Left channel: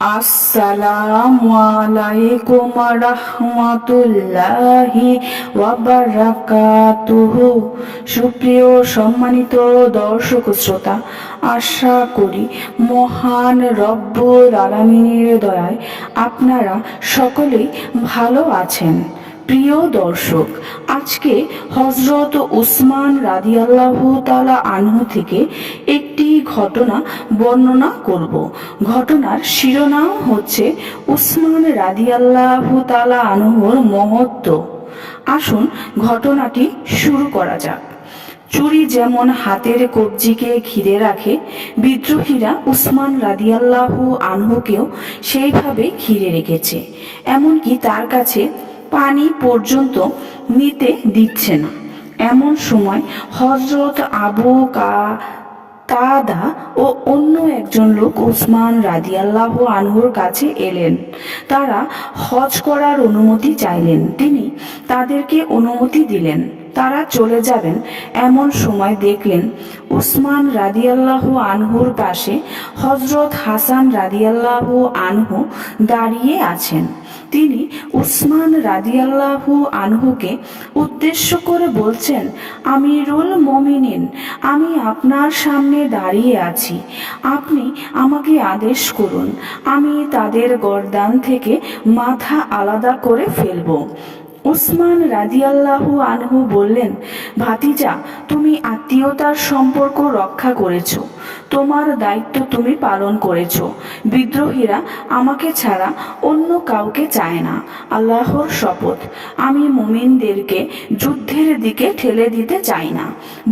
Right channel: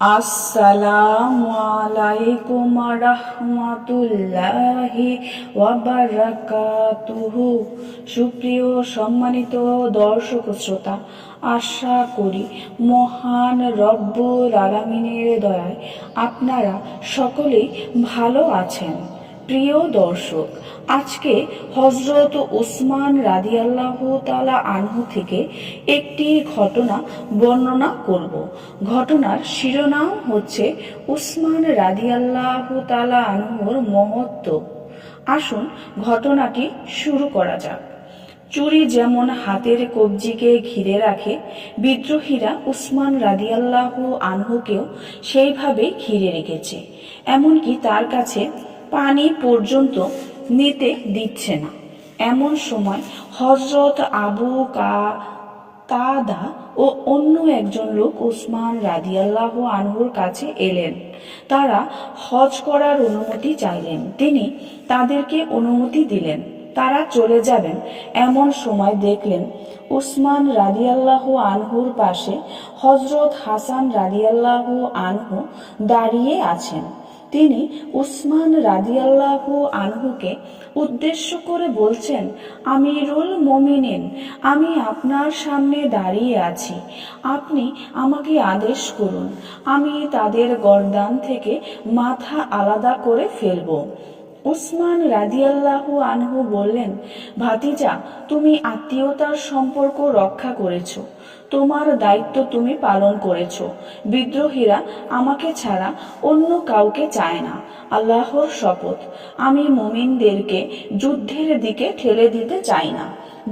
আসসালামু আলাইকুম রাহমাতুল্লাহি ওয়া বারাকাতুহু। সুপ্রিয় সম্মানিত দর্শক শ্রোতা, আশা করি মহান রব্বুল আলামিনের দয়ায় আপনারা সকলেই ভালো আছেন। প্রিয় দর্শক, আজকে হজরত উসমান রাদিয়াল্লাহু তাআলা আনহু থেকে একটি ঘটনা বর্ণনা করব। ঘটনার শিরোনাম হচ্ছে উসমান রাদিয়াল্লাহু তাআলা আনহুর মহত্ব। আসুন ঘটনাটি শুরু করা যাক। চুরি যেমন হাতের কবজিকে ঘিরে রাখে, বিদ্রোহীরা উসমান রাদিয়াল্লাহু আনহুকেও সেইভাবে ঘিরে রেখেছে। এমনকি তার কাছে পানি পর্যন্ত নিতে দিচ্ছে না। এমন সময় হযরত আবু কাতাদা ও অন্য একজন লোক উসমান রাদিয়াল্লাহু আনহুর কাছে এলেন। তারা হজ করার অনুমতি চাইলেন। তিনি তাদেরকে অনুমতি দিলেন। তারা চলে যাবেন। এমন সময় দেখলেন উসমান রাদিয়াল্লাহু আনহুর পাশে হযরত হাসান রাদিয়াল্লাহু আনহু দাঁড়িয়ে আছেন। তিনি উসমান রাদিয়াল্লাহু আনহুকে উদ্দেশ্য করে বলছেন, আমিরুল মুমিনিন, আমি আপনার সামনে দাঁড়িয়ে আছি। আপনি আমাকে আদেশ করুন, আমি তাদের গর্দান থেকে মাথা আলাদা করে ফেলব। উসমান রাদিয়াল্লাহু আনহু বললেন, ভাতিজা, তুমি আত্মীয়তার সম্পর্ক রক্ষা করেছো, তোমার দায়িত্ব তুমি পালন করেছো। বিদ্রোহীরা আমাকে ছাড়া অন্য কাউকে চায় না। আল্লাহর শপথ, আমি মুমিনদেরকে যুদ্ধের দিকে ঠেলে দিতে চাই না,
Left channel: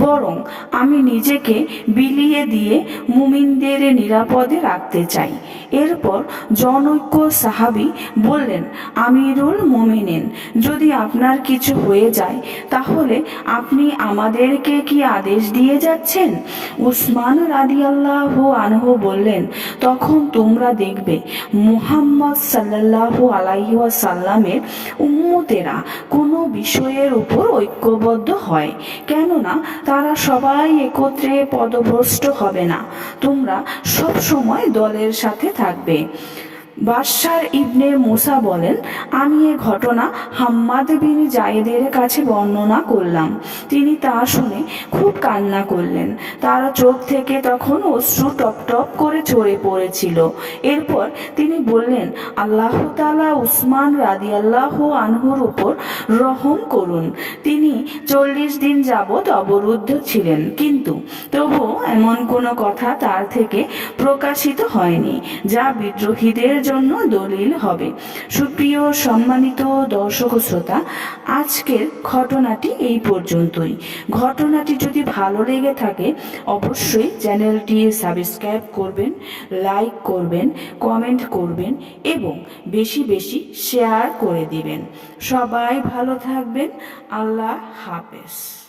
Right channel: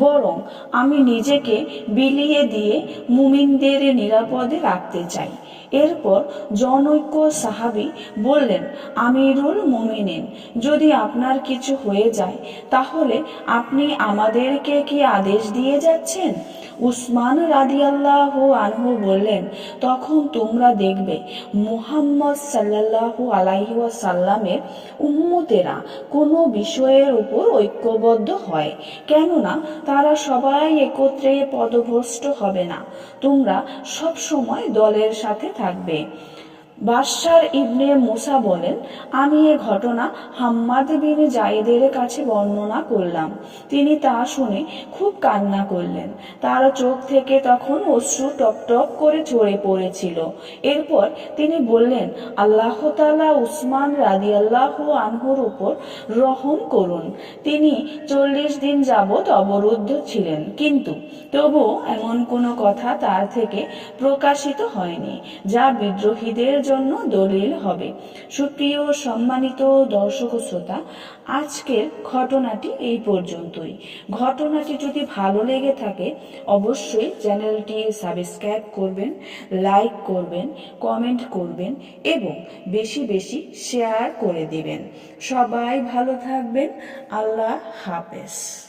বরং আমি নিজেকে বিলিয়ে দিয়ে মুমিনদের নিরাপদে রাখতে চাই। এরপর জনৈক্য সাহাবী বললেন, আমিরুল মুমিনিন, যদি আপনার কিছু হয়ে যায় তাহলে আপনি আমাদেরকে কি আদেশ দিয়ে যাচ্ছেন? উসমান রাদিয়াল্লাহু আনহু বললেন, তখন তোমরা দেখবে মুহাম্মদ সাল্লাল্লাহু আলাইহি ওয়াসাল্লামের উম্মতেরা কোনো বিষয়ের উপর ঐক্যবদ্ধ হয়, কেননা তারা সবাই একত্রে পদভ্রষ্ট হবে না। তোমরা সব সময় দলের সাথে থাকবে। বাশশার ইবনে মুসা বলেন, আমি এ ঘটনা হাম্মাদ বিন জায়েদের কাছে বর্ণনা করলাম। তিনি তা শুনে খুব কান্না করলেন। তার চোখ থেকে তখন অশ্রু টপ টপ করে ঝরে পড়েছিল। এরপর তিনি বললেন, আল্লাহ তাআলা উসমান রাদিয়াল্লাহু আনহুর উপর রহম করুন। তিনি 40 দিন যাবৎ অবরুদ্ধ ছিলেন, কিন্তু তবুও এমন কোনো কথা তার থেকে প্রকাশিত হয়নি যা বিদ্রোহীদের জন্য দলিল হবে। সুপ্রিয় সম্মানিত দর্শক শ্রোতা, আজকের ঘটনাটি এই পর্যন্তই। ঘটনাটি যদি ভালো লেগে থাকে অবশ্যই চ্যানেলটি সাবস্ক্রাইব করবেন, লাইক করবেন, কমেন্ট করবেন এবং বেশি বেশি শেয়ার করে দিবেন। সবাই ভালো থাকবেন। আল্লাহ হাফেজ।